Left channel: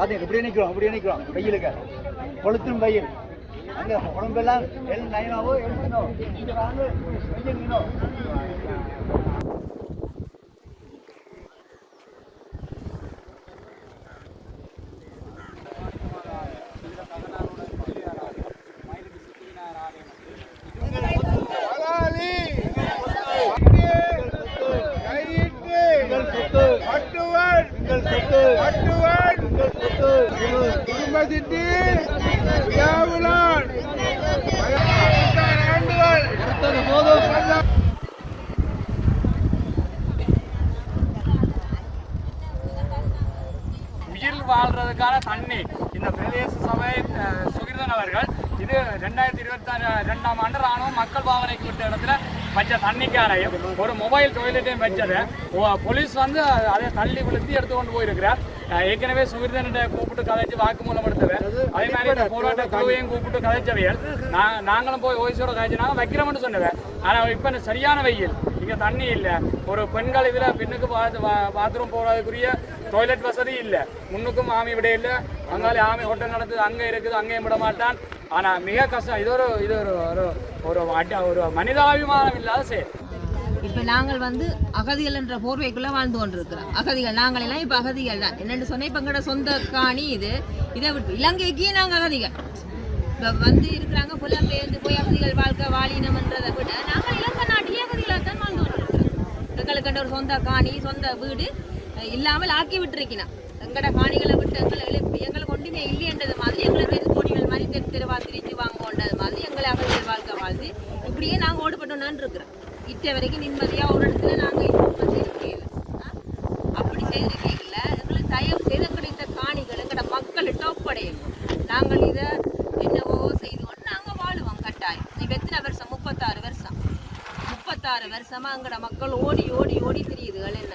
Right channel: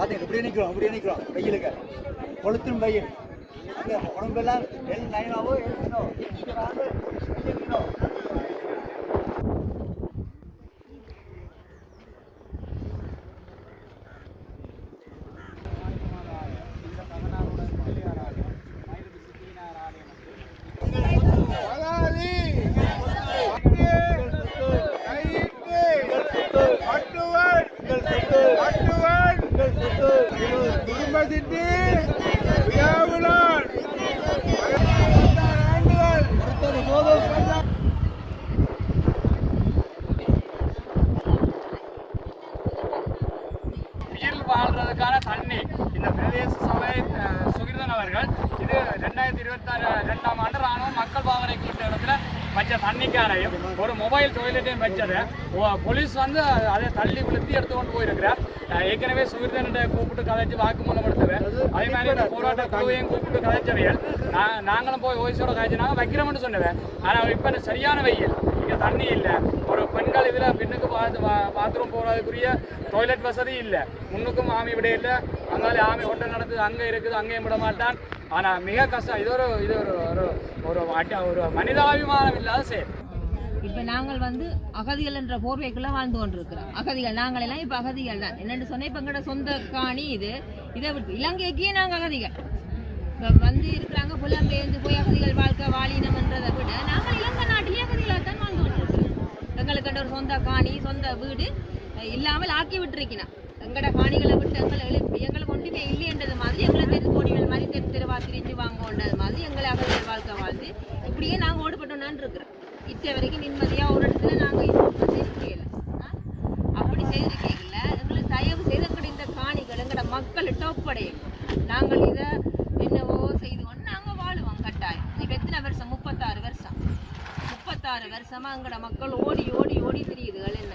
பார்த்தீங்க இப்படியே நிற்கிறோம் வெயிலுக்கு கொளுத்தும் வெயில் அங்கே உடம்பெல்லாம் நயமாவோ எழுதினோம் இங்கே வாங்க உயிர் வாழ்றதுக்கான தண்ணி இந்த பிரதேச சபை சுகிர்தன் அவர்கள் இது 2022ஆம் ஆண்டு ராணுவம் மக்கள் பாவனைக்கு விட்ட இடத்துல வச்ச தண்ணிக்காரையும் ஒரு மொபைல் டாய்லெட்டையும் வச்சது போலீஸ் வந்து அதை தள்ளி விழுத்தி எடுத்து கொண்டு போயிருக்கிறார். ஏற்கனவே சுகிர்தன்கிட்ட கூப்பிட்டு கதைச்சு வாக்குமூலம் எடுத்தவர். அதே மாதிரி இந்த போராட்ட குழுவையும் கூப்பிட்டு கதைச்சவையல் நாங்களும் போய் ஓய்ஸோட கதைச்சுனாங்க வைக்கிறோம்னு சொன்னவன். ஆனால் இப்போ சரியான வெயில் இங்கே தண்ணி இல்லை. ஒரு பெண்கள் இதில் பெண்ணுக்கு பாத்ரூம் போகிறதுக்குரிய டாய்லெட் வசதி இல்லை. முன்னுக்கும் ஆமி விட இல்லை. அங்காலே ஆமி ஹோட்டல் நடக்குது, அங்கே இருக்குது, அங்கேயும் விட மாட்டான். ஆனால் மிக கஷ்டம். இது ஒரு ஒரு மனிதாபிமானம் இல்லாத செயல். இப்போ நாங்கள் வந்து அகதிகள் என்ற போர்வைக்குள்ளே வாழ்ந்து கொண்டிருக்கிறோம். அகதிகள் நாங்கள் எல்லாம் இப்போ அகதிகள் தான். என்னென்னு சொன்னால் இப்போ எங்களோட சொந்த காணி இதை விட்டு இலங்கைக்கே நாங்கள் அகதிகள் இப்போ வந்து இருக்கிறாங்க. புலம்பெயர்ந்து போய் அகதிகள் வாழ்க்கை வாழினம்ன்றதை விட நாங்கள் இலங்கை நாட்டிலே அகதிகளாக தான் வாழ்ந்து கொண்டிருக்கிறோம். எங்களுக்கு ஒரு சொந்த காணி சொந்த வீடு இல்லாமல் ஆக்கி விட்டுருக்கணும். எங்களோட காணிகளை விட்டு எங்களுக்கு ஒன்றுமே இல்லைன்றது மாதிரி எங்களை தெருக்கோடிகள் மாதிரி தெருவா திரிஞ்சு வாங்கோன்றது மாதிரி எங்களை அகதிகள் வாழ்க்கை வாழ்ந்து இப்படியே நாங்கள் ஓடுபட்டோம்னான் இருக்கிறோம். இட்ட வரைக்கும் நிம்மதியாக ஒரு இடத்துல நாங்கள் இருக்கிறீங்கள அப்படி செய்திருக்கீங்கள எங்களுக்கு தயவு செய்து கிடைத்த காணிகள் எங்களோட மக்கள் டோப்படையும் நாங்கள் இதை என்னவோ செய்து கொண்டு நாங்கள் வாழுவோம் கட்டாயம். இப்போ எத்தனை வருஷம் 36 வருஷமா எங்களோட மக்கள் ஓடி ஓடி ஓடி திரியுதுகள் என்ன